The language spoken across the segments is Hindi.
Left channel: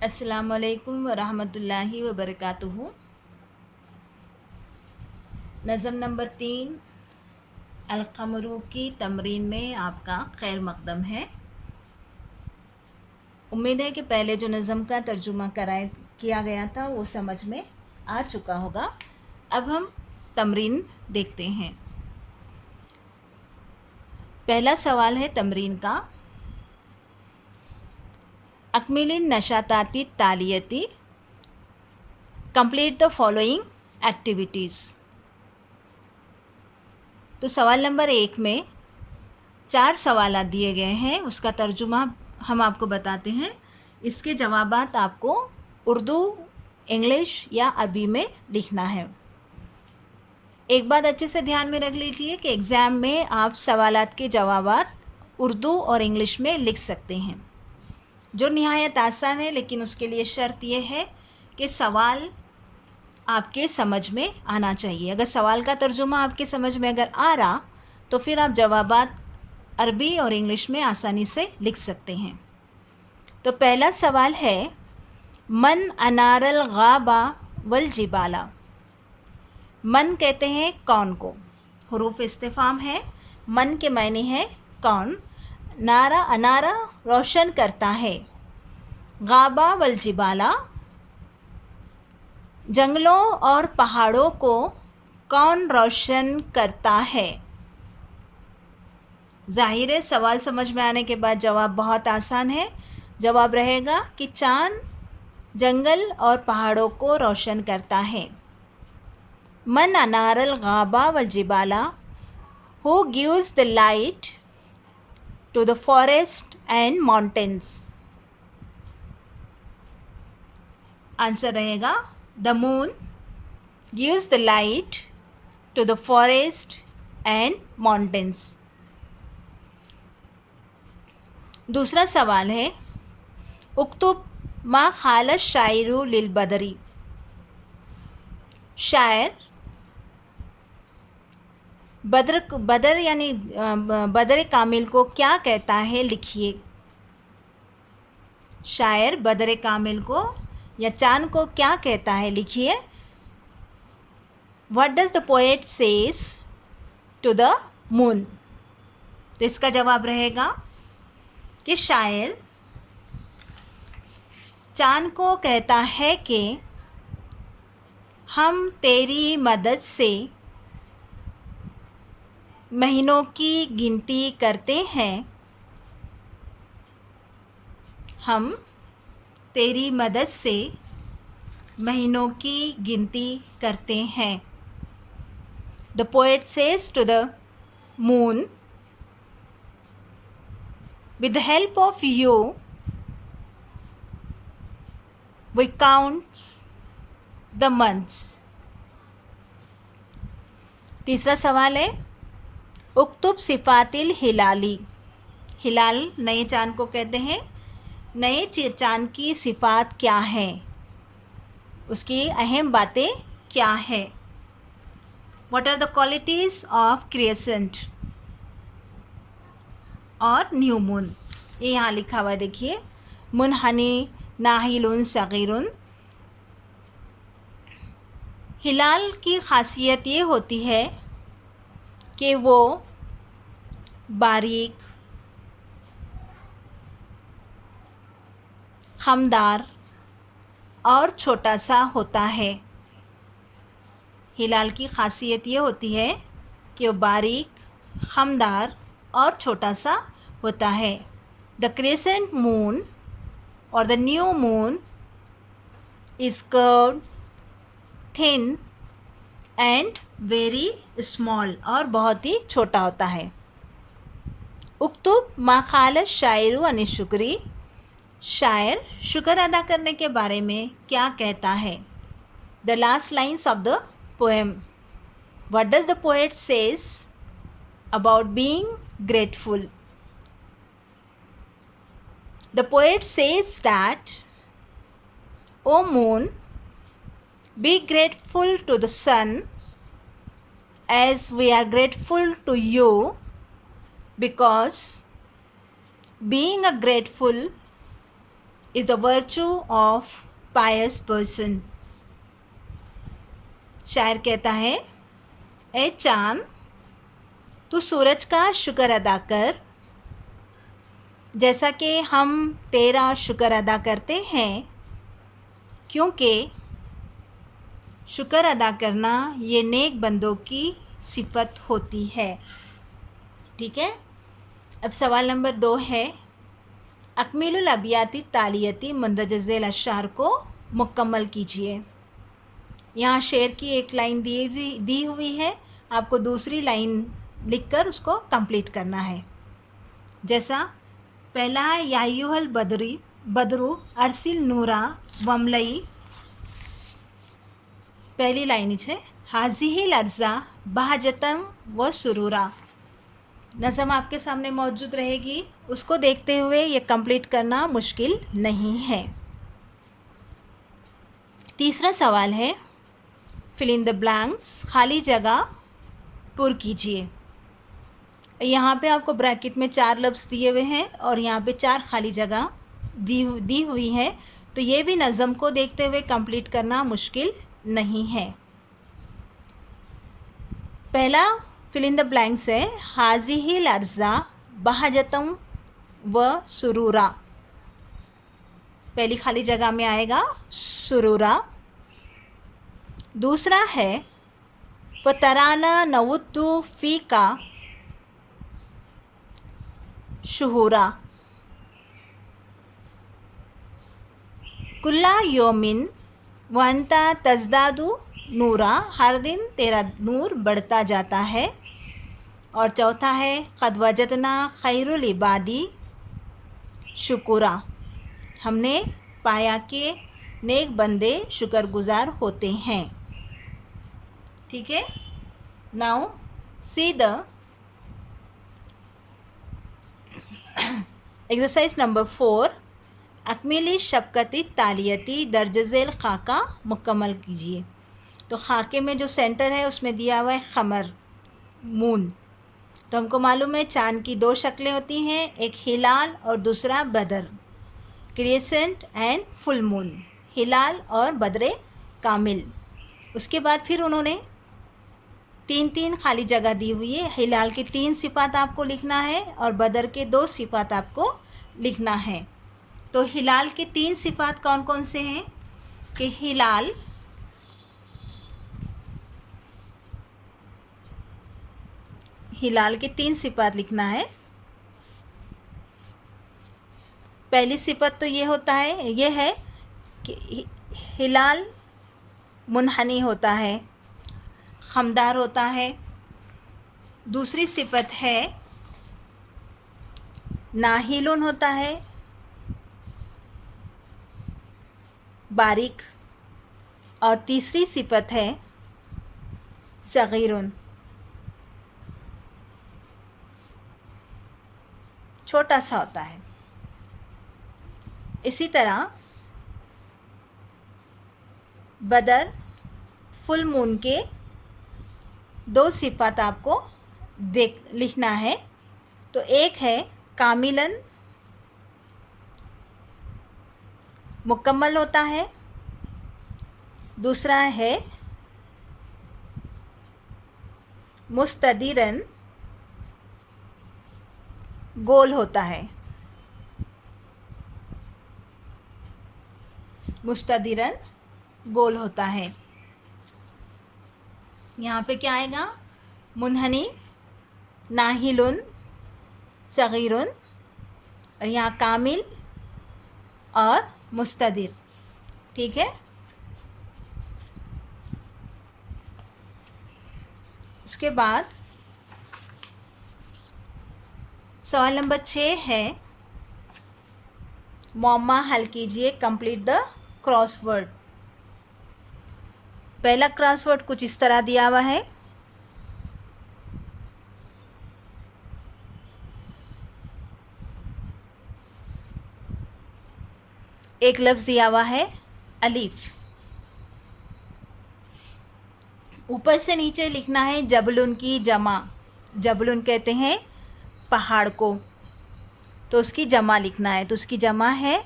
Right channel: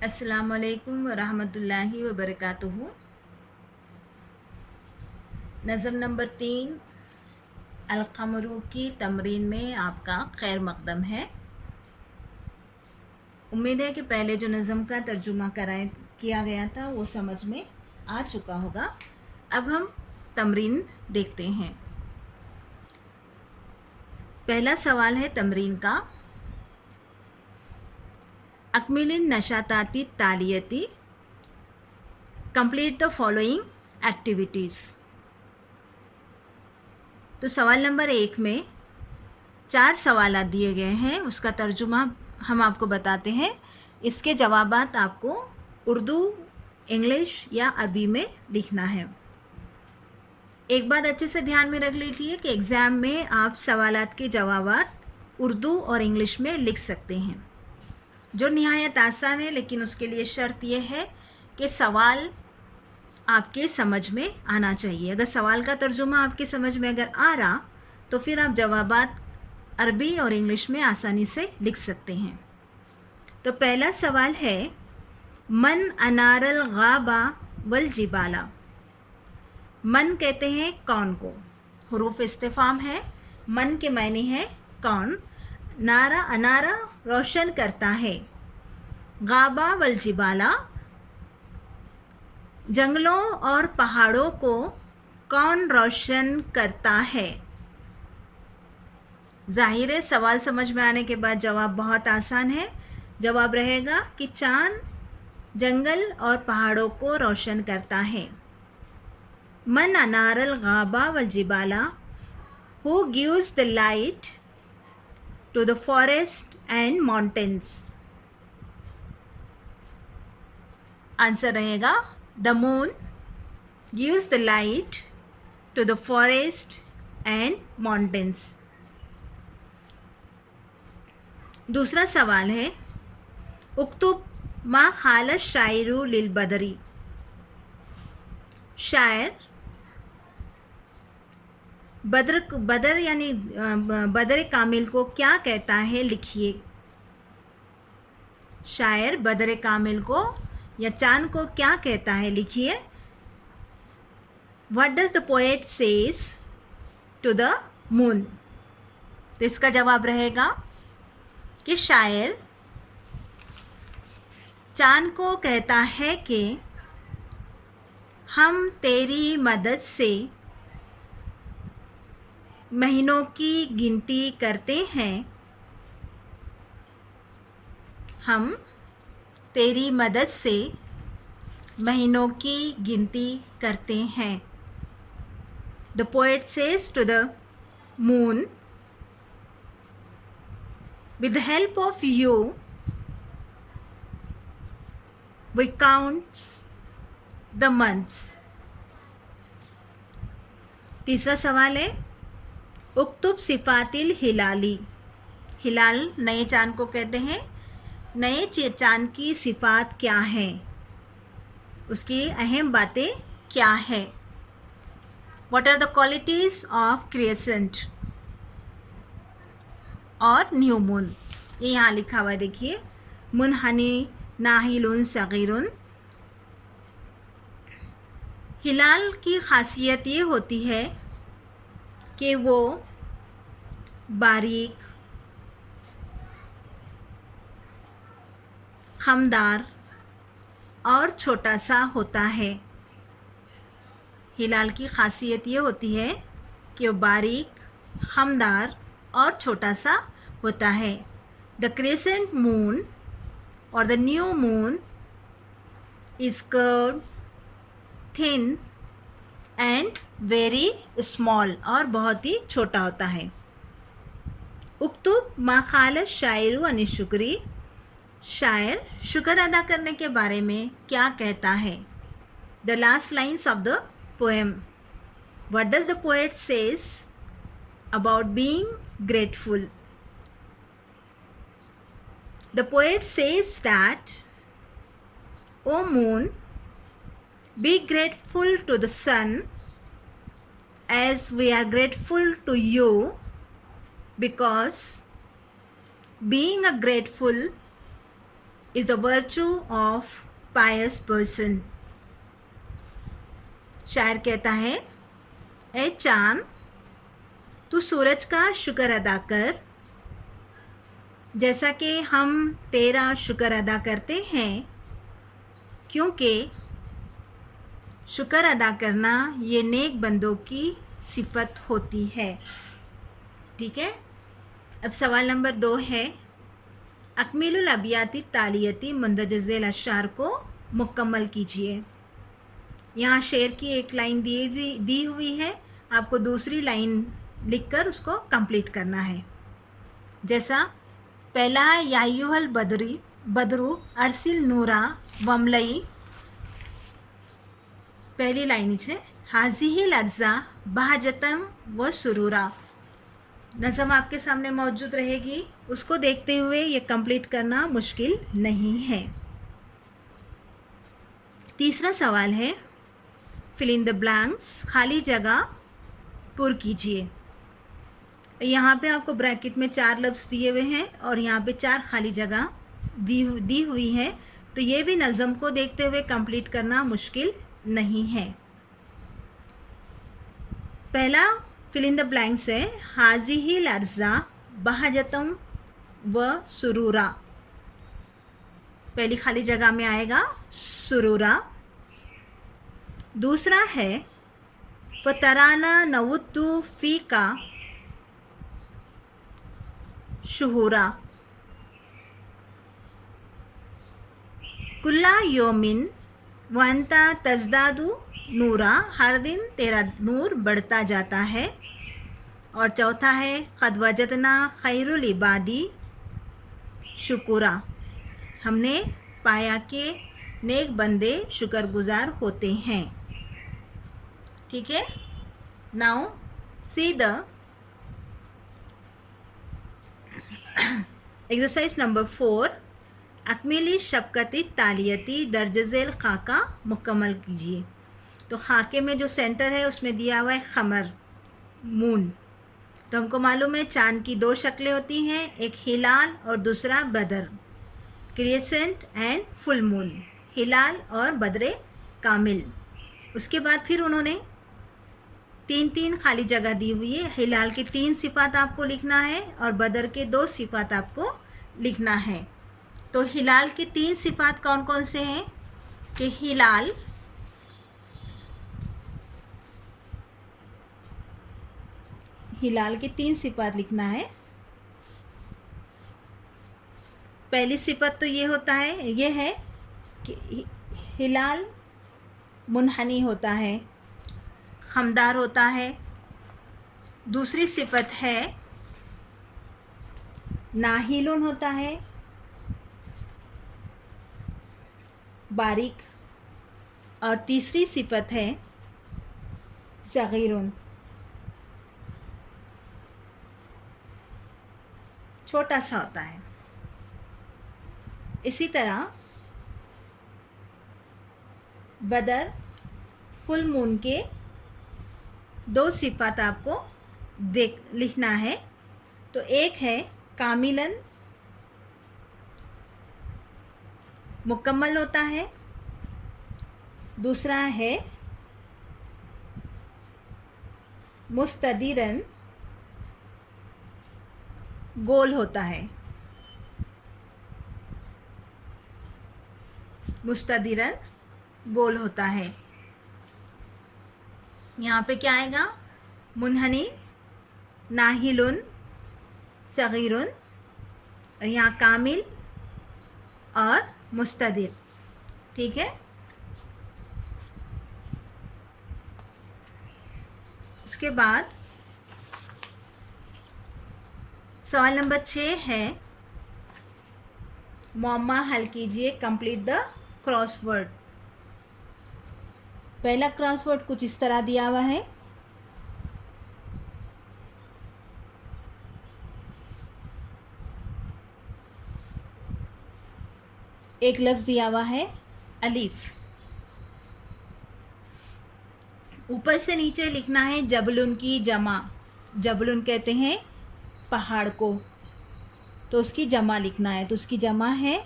अस्सलाम वालेकुम वरहमतुल्लाहि वबरकातुहू। नज़म नंबर 3 अल-क़मरू की तमरीन में आपका खैर मक़दम है। उम्मीद है कि पहले जो नज़म का तर्जुमा किया गया था वो समझ में आ चुका होगा। अब हम तमरीन देखते हैं। पहला सवाल है तमरीन का, अकमिलिन नशाताती तालियती, कंप्लीट द फॉलोइंग एक्टिविटीज़। तो सवाल नंबर 1 में 4 सवाल दिए गए हैं, उसका तर्जुमा हम आपको बताते हैं। इसके जवाबात आपको उर्दू, इंग्लिश या अरबी में लिखना है। एक बात अच्छे से ध्यान में रख लीजिए कि एग्ज़ाम में आप सवालात के जवाबात उर्दू और इंग्लिश में लिख सकते हैं, जो निहायत आसान है, लेकिन उसके लिए शर्त यह है कि सवाल आपके समझ में आना चाहिए। अगर सवाल का तर्जुमा आपके समझ में अगर आ रहा तो फिर आप जवाबात अरबी और इंग्लिश में आसानी से लिख सकते हैं। तो पहला सवाल है, मन अनारल गाबा वल जिबाला। मन कहते हैं कौन को, हुरूफ इस्तिफाम है। मन के मायने है कौन। नारा अनारा रोशन करता है। गाबा वल जिबाला जंगलों और पहाड़ों को कौन रोशन करता है। जाहिर है सवाल समझ में आने के बाद जवाब बहुत आसान है। जवाब रहेगा कि चांद जंगल और पहाड़ों को रोशन करता है। मन अनारल गाबा वल जिबाला, who gives the light to the forest and mountains. Answer रहेगा the moon gives the light to the forest and mountains. दूसरा सवाल है, उक्तुब मा खाल शायरू लिल बदरी। शायर बदर यानी बदर कामिल को क्या कहता है, लिखिए। शायर बदर कामिल को या चांद को क्या कहता है, लिखिए। What does the poet says to the moon. तो इसका जवाब रहेगा कि शायर चांद को कहता है कि हम तेरी मदद से महीनों की गिनती करते हैं। हम तेरी मदद से महीनों की गिनती करते हैं। The poet says to the moon, with the help of you we count the months। तीसरा सवाल है, उक्तुब सिफातिल हिलाली। हिलाल नए चांद को कहते हैं। नए चांद की सिफात क्या हैं, उसकी अहम बातें क्या है। What are the qualities of crescent और न्यू मून। ये यहाँ लिखा हुआ है, देखिए। मुनहनी नाहिलुन सगीरुन। हिलाल की खासियत ये होती है कि वो बारीक, खमदार और छोटा सा होता है। हिलाल की खासियत ये होती है कि वो बारीक, खमदार और छोटा सा होता है। द क्रेसेंट मून और the new moon is curved, thin and very small, और बहुत ही छोटा होता है। उक्तुब मा खाल शायरू अनि शुक्री। शायर शुक्र अदा करने के बारे में क्या कहता है। The last lines of the poem. What does the poet says about being grateful। The poet says that, O moon, be grateful to the sun as we are grateful to you, because being a grateful is the virtue of pious person. शायर कहता है, ए चांद तू सूरज का शुक्र अदा कर, जैसा कि हम तेरा शुक्र अदा करते हैं, क्योंकि शुक्र अदा करना ये नेक बंदों की सिफत होती है। ठीक है। अब सवाल नंबर 2 है, अकमीलुल अबियाती तालियती मंदजज़ेल अशार को मुकम्मल कीजिए। यहाँ शेर की एक लाइन दी हुई है, आपको दूसरी लाइन लिखकर उसको कंप्लीट करना है। जैसा पहला है, यायुहल बदरू अरसिल नूरा वमलई। पहली लाइन है, हाजिहिल अर्जा बहजतम व सुरूरा। नज़म आपके सामने मौजूद रहेगी, उसको देखते हुए ये कंप्लीट करना मुश्किल नहीं है। तीसरा सवाल है, फिल इन द ब्लैंक्स, खाली जगह पुर कीजिए। यहाँ पे आपको ब्रैकेट में 4 लफ्ज़ दिए हुए हैं और यहाँ पे 4 खाली जगह दी हुई है, तो ये भी नज़म को देखते हुए कंप्लीट करना मुश्किल नहीं है। पहला फिल इन द ब्लैंक्स है, हाजिहिल अर्जा बहजतम व सुरूरा। पहली खाली जगह में आएगा सुरूरा। दूसरा है, फ़तराना नवुद्दु फ़ी का शुहूरा। कुल्ला योमिन वंता तज़दादु नूरा, हर दिन तेरा नूर बढ़ता जाता है। और चौथा है, क़द वजदना खैरुल इबादी शुकुरा, हमने पाया कि नेक बंदे शुक्रगुजार होते हैं। ठीक है। Now see the exercise number 4, अकमीली शफ़क़ती तालियती दर्जज़ेल खाका मुकम्मल कीजिए। तो खाके में जो सेंटर है उसमें दिया हुआ है ख़मर, मून। तो हमको मालूम है चाँद की 2 शक्लें होती हैं, एक हिलाल और दूसरा बदर, क्रिसेंट एंड फुल मून, हिलाल और बदरे कामिल। उसके बाद फिर उन्होंने 3 खाली जगह दी हुई है। हिलाल की 3 सिफ़ात आपको लिखना है और बदर के 2 सिफ़ात आपको लिखना है। तो हिलाल के 3 सिफ़ात कौन कौन से हैं कि हिलाल के 3 सिफ़ात लिखना है। पहली सिफ़त तो ये है कि हिलाल मुनहनी होता है, ख़मदार होता है। दूसरी सिफ़त है नाहिलुन होता है, बारीक। और तीसरी सिफ़त है सगीरुन, छोटा सा होता है। इसी तरह बदर फुल मून के 2 सिफ़ात आपको लिखना है। तो एक है कामिलन, मुकम्मल होता है। दूसरा है मुस्तदिरन, गोल होता है। मुस्तदिरन गोल होता है। यहाँ पे क्या आएगा, मुनहनी, नाहिलुन, सगीरुन, और यहाँ कामिल और मुस्तदिर। ठीक है। उसके बाद सवाल नंबर 6 है, मुअम्मा हल कीजिए, कंप्लीट द क्रॉसवर्ड। पहला क्रॉसवर्ड कुछ इस तरह दिया हुआ है, एक लफ्ज़ दिया हुआ है अलीफ, ऊपर से नीचे लिखना है जबलुन की जमा। जबलुन कहते हैं पहाड़ को, तो उसकी जमा लिखना है। तो उसकी जमा है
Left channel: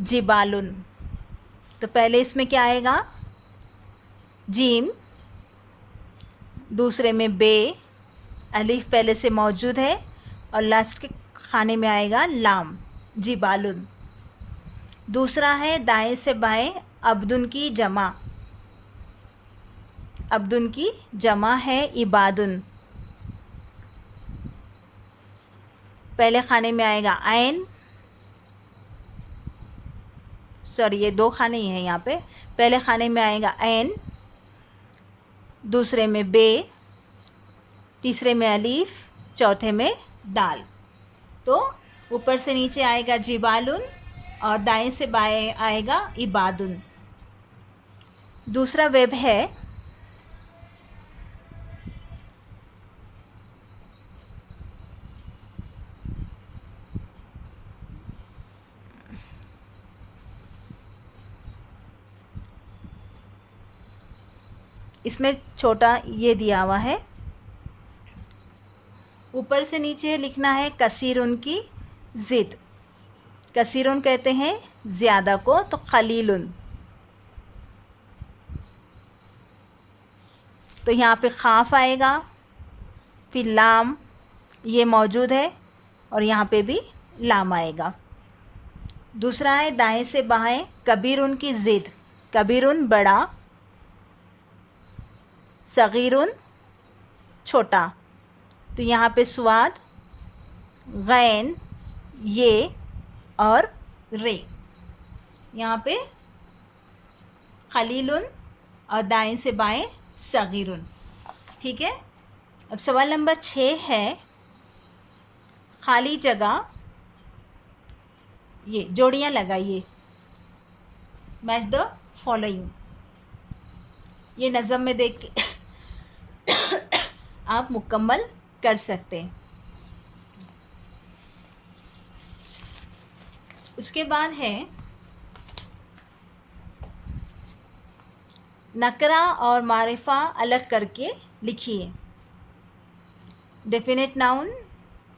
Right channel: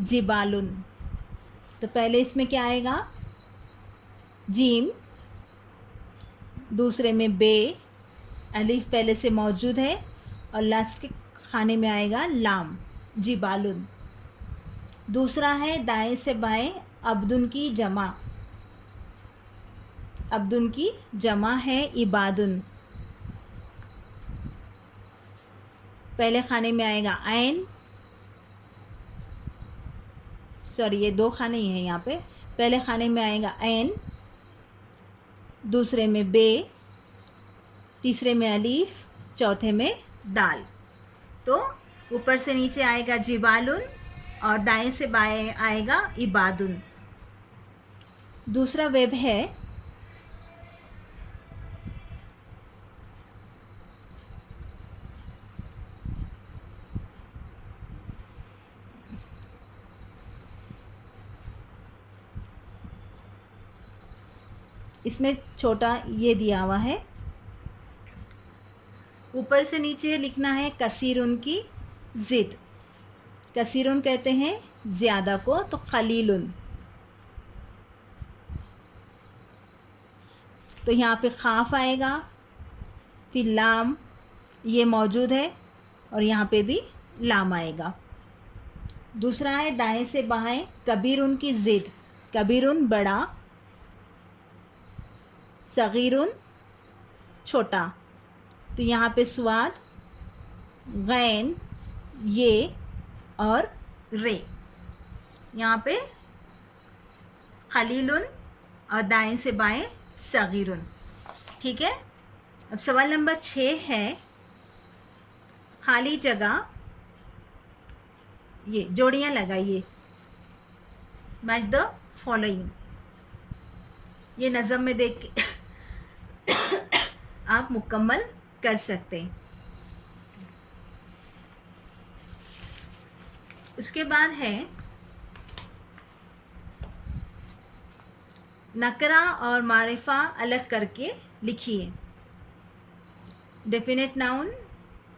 जिबालुन। तो पहले इसमें क्या आएगा, जीम, दूसरे में बे, अलिफ पहले से मौजूद है, और लास्ट के खाने में आएगा लाम, जिबालुन। दूसरा है दाएं से बाएं, अब्दुन की जमा, अब्दुन की जमा है इबादुन। पहले खाने में आएगा आइन, सॉरी ये दो खाने ही हैं यहाँ पे। पहले खाने में आएगा ऐन, दूसरे में बे, तीसरे में अलीफ, चौथे में दाल। तो ऊपर से नीचे आएगा जिबालुन और दाएं से बाएं आएगा इबादुन। दूसरा वेब है इसमें छोटा ये दिया हुआ है, ऊपर से नीचे लिखना है कसीरुन की ज़िद। कसीरुन कहते हैं ज़्यादा को, तो खलीलुन। तो यहाँ पे खाफ आएगा, फिर लाम ये मौजूद है, और यहाँ पे भी लाम आएगा। दूसरा है दाएं से बाएं, कबीरुन की ज़िद। कबीरुन बड़ा, सगीरुन छोटा। तो यहाँ पे स्वाद, गैन, ये और रे। यहाँ पे खलीलुन और दाएं से बाएं सगीरुन। ठीक है। अब सवाल नंबर 6 है, खाली जगह, ये जोड़ियाँ लगाइए, मैच द फॉलोइंग। ये नज़म में देख के आप मुकम्मल कर सकते हैं। उसके बाद है नकरा और मारिफा अलग करके लिखिए। डेफिनेट नाउन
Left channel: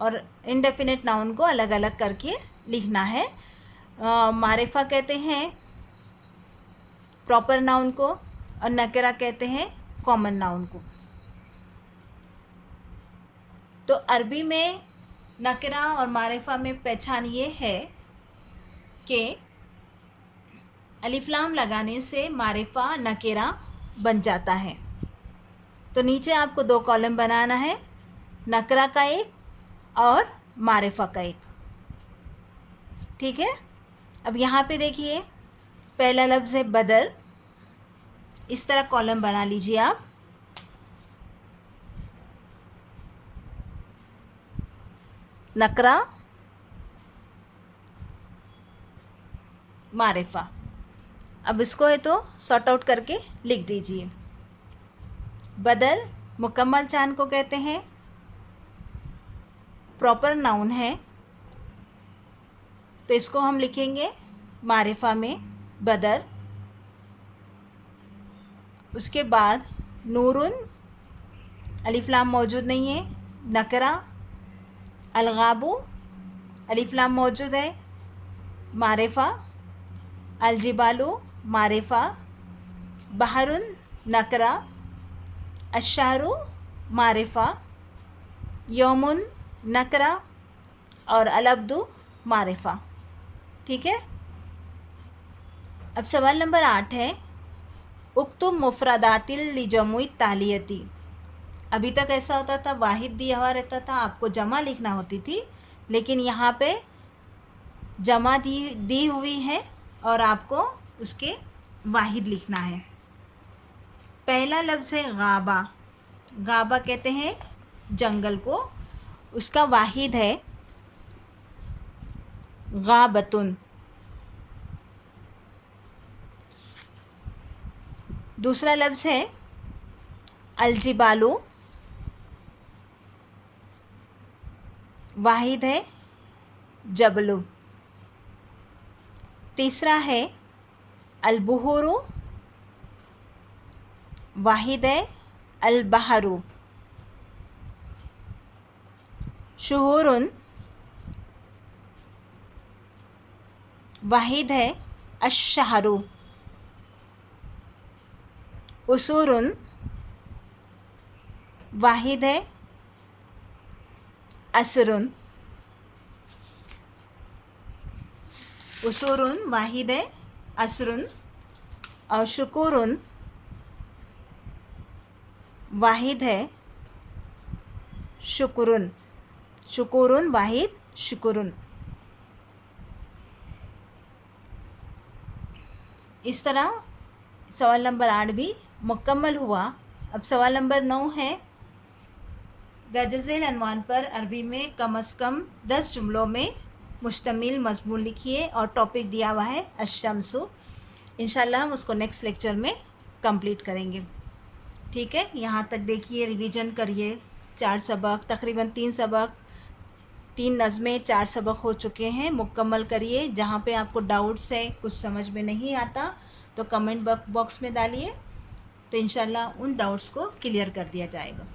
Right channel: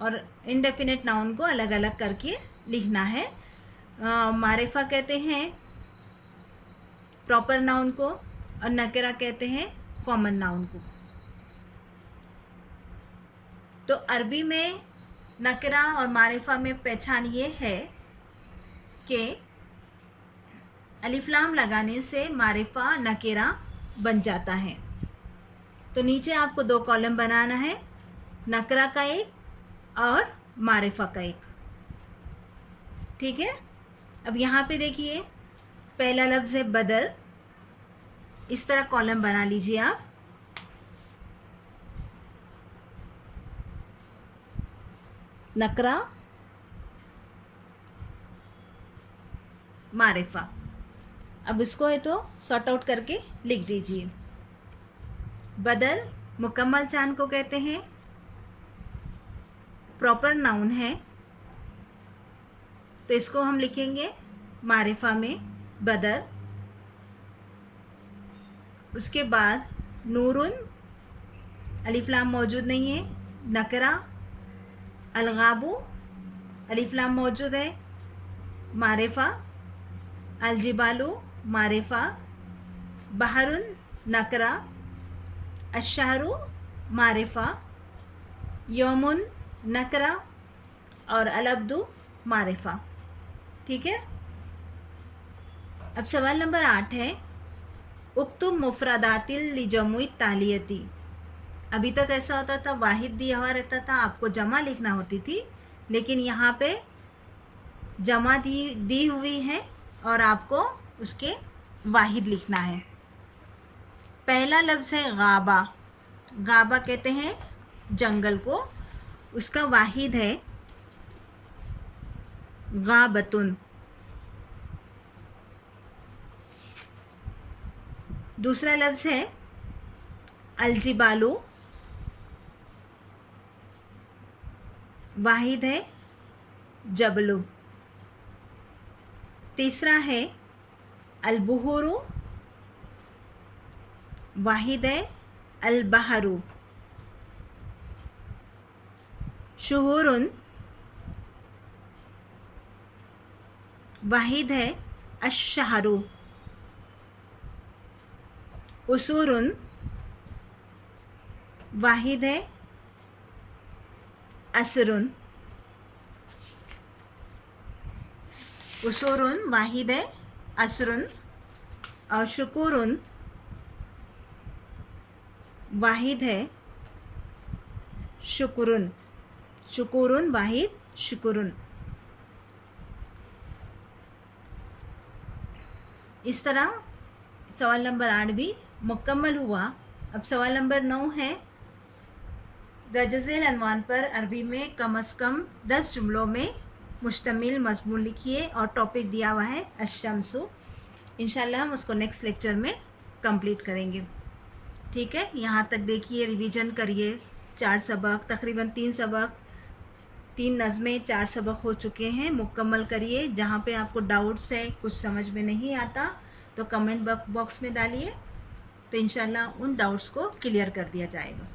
और इनडेफिनेट नाउन को अलग अलग करके लिखना है। मारिफा कहते हैं प्रॉपर नाउन को, और नकरा कहते हैं कॉमन नाउन को। तो अरबी में नकरा और मारिफा में पहचान ये है कि अलिफ लाम लगाने से मारिफा नकेरा बन जाता है। तो नीचे आपको 2 कॉलम बनाना है, नकरा का एक और मारिफा का एक। ठीक है। अब यहाँ पे देखिए, पहला लफ्ज़ है बदर, इस तरह कॉलम बना लीजिए आप। नकरा, मारिफा। अब इसको है तो सॉर्ट आउट करके लिख दीजिए। बदर मुकम्मल चांद को कहते हैं, प्रॉपर नाउन है, तो इसको हम लिखेंगे मारिफा में बदर। उसके बाद नूरुन, अलिफ लाम मौजूद नहीं है, नकरा, अलगाबू, अलिफ लाम मौजूद है, मारिफा, अलजिबालू मारिफा, बहरुन नकरा, अशारू मारिफा, यौमुन नकरा, और अलअब्दु मारिफा। ठीक है। अब सवाल नंबर 8 है, उक्तुब मुफरदातिल लिजमुई तालियती। अभी तक ऐसा होता था, वाहिद दिया हुआ रहता था, आपको जमा लिखना होती थी, लेकिन यहाँ पे जमा दी हुई है और आपको उसके वाहिद लिखना है। पहला लफ्ज़ है गाबा। गाबा कहते हैं जंगल को, उसका वाहिद है गाबतुन। दूसरा लफ्ज़ है अलजिबालू, वाहिद है जबलु। तीसरा है अलबुहुरु, वाहिद है अलबहरु। शुहुरुन, वाहिद है अश्शहरु। उसूरुन वाहिद है असरुन। उसूरुन वाहिद है असरुन। और शुकुरुन वाहिद है शुकुरुन। शुकुरुन वाहिद शुकुरुन। इस तरह सवाल नंबर 8 भी मुकम्मल हुआ। अब सवाल नंबर 9 है, दर्जज़ेल अनवान पर अरबी में कम से कम 10 जुमलों में मुश्तमिल मज़मून लिखिए और टॉपिक दिया हुआ है अश-शम्सु। इंशाल्लाह हम उसको नेक्स्ट लेक्चर में कंप्लीट करेंगे। ठीक है, यहाँ तक देखिए, रिवीजन करिए। 4 सबक, तकरीबन 3 सबक, 3 नज़में, 4 सबक हो चुके हैं। मुकम्मल करिए। जहाँ पे आपको डाउट्स है, कुछ समझ में नहीं आता, तो कमेंट बॉक्स में डालिए, तो इंशाल्लाह उन डाउट्स को क्लियर कर दिया जाएगा।